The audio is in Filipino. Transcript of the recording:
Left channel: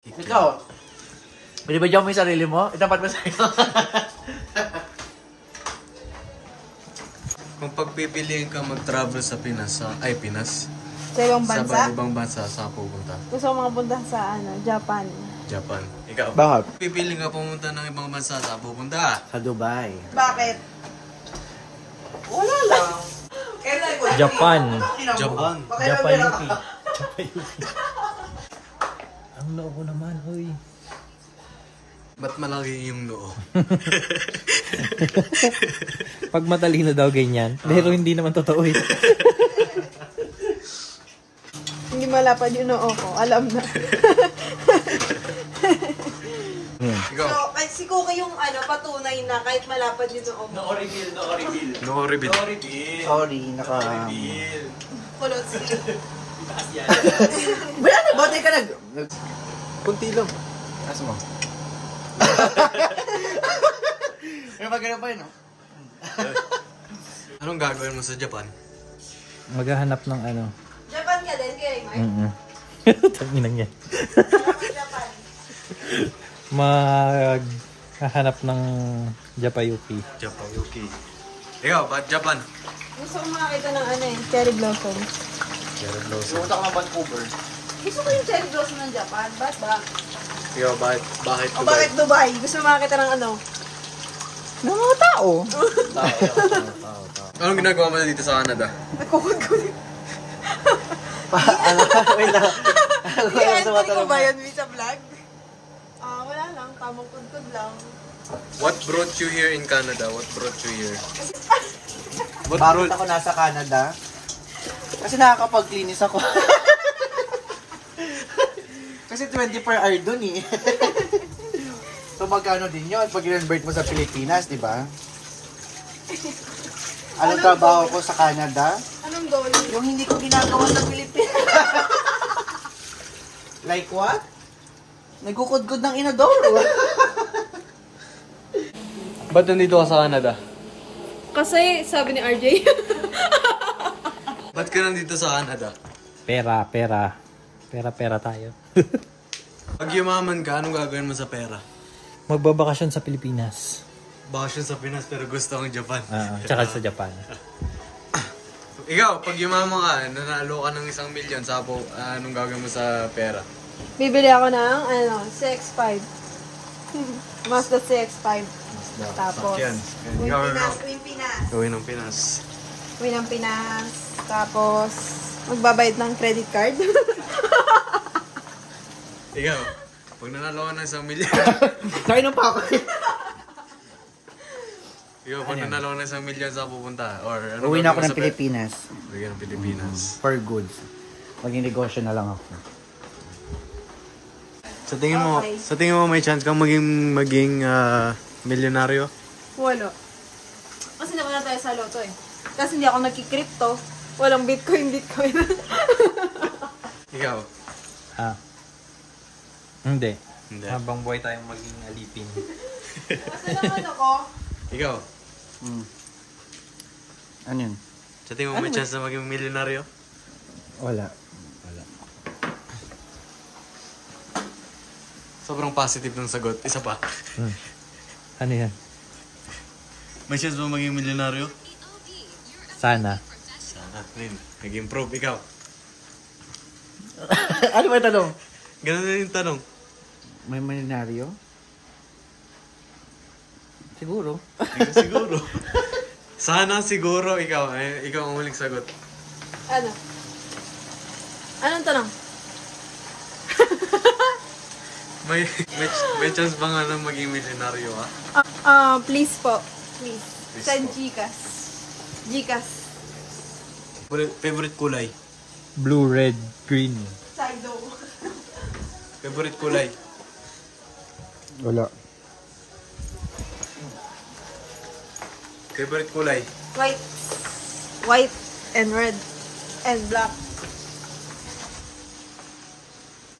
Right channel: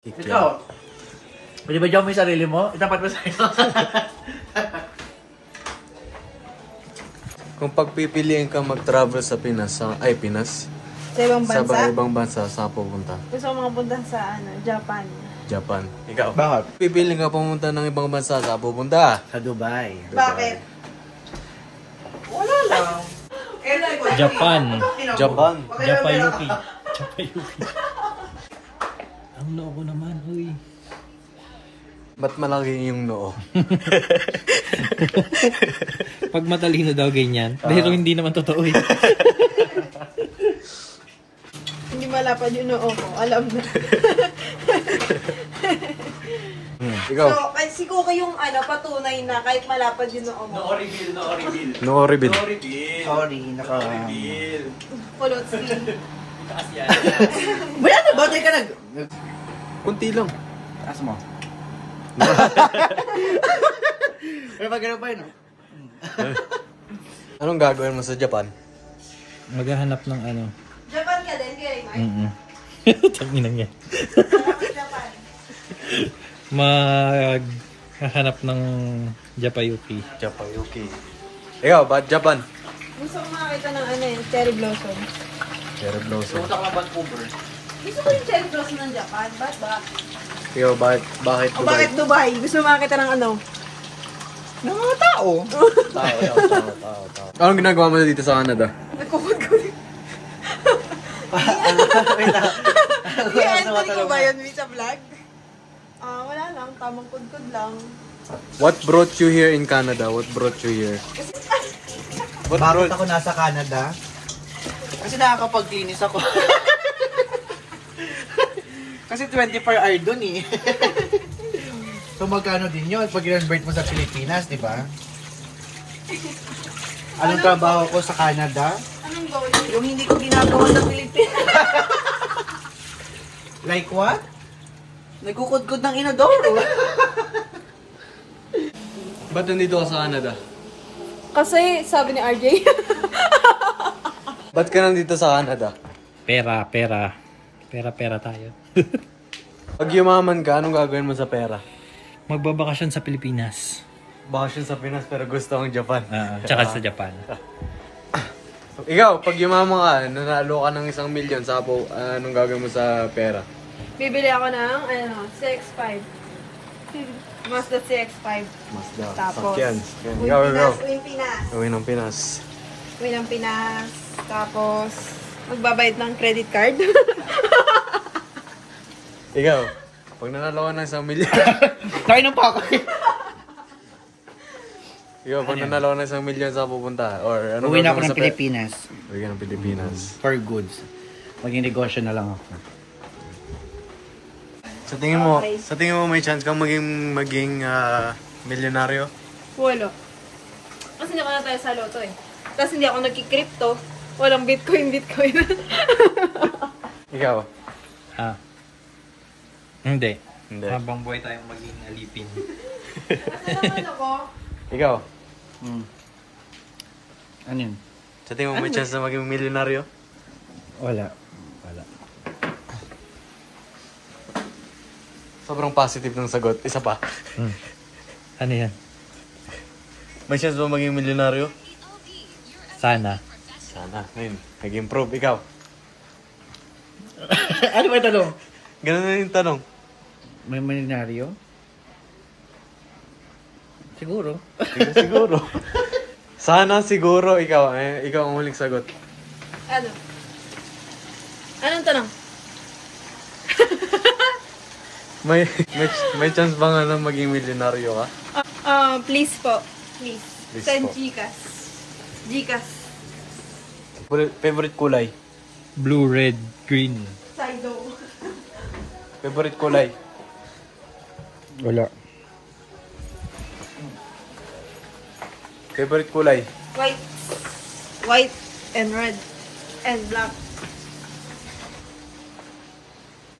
Ikaw, pwede ba dyan mo yung sarili mo? Itapat mo sa'yo. Kung pagpipiliin ka mag-travel sa Pinas, Pinas? Sa ibang bansa? Sa ibang bansa, saan pupunta? Gusto ko makapunta sa Japan. Japan. Ikaw? Bakit? Pipiliin ka pumunta ng ibang bansa, saan pupunta? Sa Dubai. Bakit? Wala lang. Japan. Japan. Japayuki. Japayuki. Ang noo ko naman, huy. Ba't malaki yung noo? Pag matalino daw ganyan. Pero hindi naman totoo eh. Hindi malapad yung noo ko. Alam na. Ikaw? So, si Kuka yung patunay na kahit malapad yung noo mo. Noo reveal. Sorry, Pulot si. Bayan na, batay ka nag... Kunti lang. Taas mo. Pero pag gano'n pa yun, no? Anong gagawin mo sa Japan? Maghahanap ng Japan ka din, kaya Mike? Tanginan niya. Japan. Maghahanap ng Japayuki. Japayuki. Ikaw, ba't Japan? Gusto ko makakita ng cherry blossom. Pumunta ka ng Vancouver. Gusto ko yung cherry blossom ng Japan. Ba't ba? Ikaw, bakit O bakit Dubai? Gusto ko makakita ng Ng mga tao. Anong ginagawa mo dito sa Canada? Nagkukod-kod. Ano ko ba yun sa vlog? Wala lang. Tamang kudkod lang. What brought you here in Canada? What brought you here? Bakit ako nasa Canada? Kasi nakakapag-linis ako. Kasi 24 hour dun eh. So magkano din yun pag i-convert mo sa Pilipinas, di ba? Anong trabaho ko sa Canada? Anong goal? Yung hindi ko ginagawa sa Pilipinas. Like what? Nagkukudkod ng inodoro. Ba't nandito ka sa Canada? Kasi sabi ni RJ. Ba't ka nandito sa Canada? Pera tayo. Pag yumaman ka, anong gagawin mo sa pera? Magbabakasyon sa Pilipinas. Bakasyon sa Pinas pero gusto ang Japan. Tsaka sa Japan. Ikaw, pag yumaman ka, nanalo ka ng 1 milyon, anong gagawin mo sa pera? Bibili ako ng CX-5. Mazda CX-5. Tapos, Ikaw. Win Pinas. Gawin ng Pinas. Win ng Pinas. Tapos, magbabayad ng credit card. Ikaw, pag nanalo ka ng 1 milyon. Tayo ng pako. Ikaw, pag nanalo ka ng 1 milyon, saan pupunta? Or ano Uwi na ako gagawin mo ng sa Pilipinas. Uwi ka ng Pilipinas. For goods. Maging negosyo na lang ako. Sa tingin mo may chance kang maging milyonaryo? Wala. Kasi hindi ako na tayo sa loto eh. Tapos hindi ako nagki-crypto. Walang Bitcoin. Ikaw? Hindi. Habang buhay tayong maging alipin. Kasi naman ako, Ikaw? Ano yun? Sa tingin mo may chance na maging milyonaryo? Wala. Sobrang positive ng sagot. Isa pa. Ano yan? May chance ba maging milyonaryo? Sana. Sana. Ayun. Nag-improve. Ikaw? Ano ba yung tanong? Ganun na yung tanong. May milyonaryo? Siguro. Siguro. Sana siguro ikaw. Ikaw ang huling sagot. ano? Anong tanong? May chance ba nga na maging milyonaryo ka? Please po. Please. Please Send po. Gcash. Favorite kulay? Blue, red, green. Sido. Favorite kulay? Wala. Favorite kulay? White and red and black.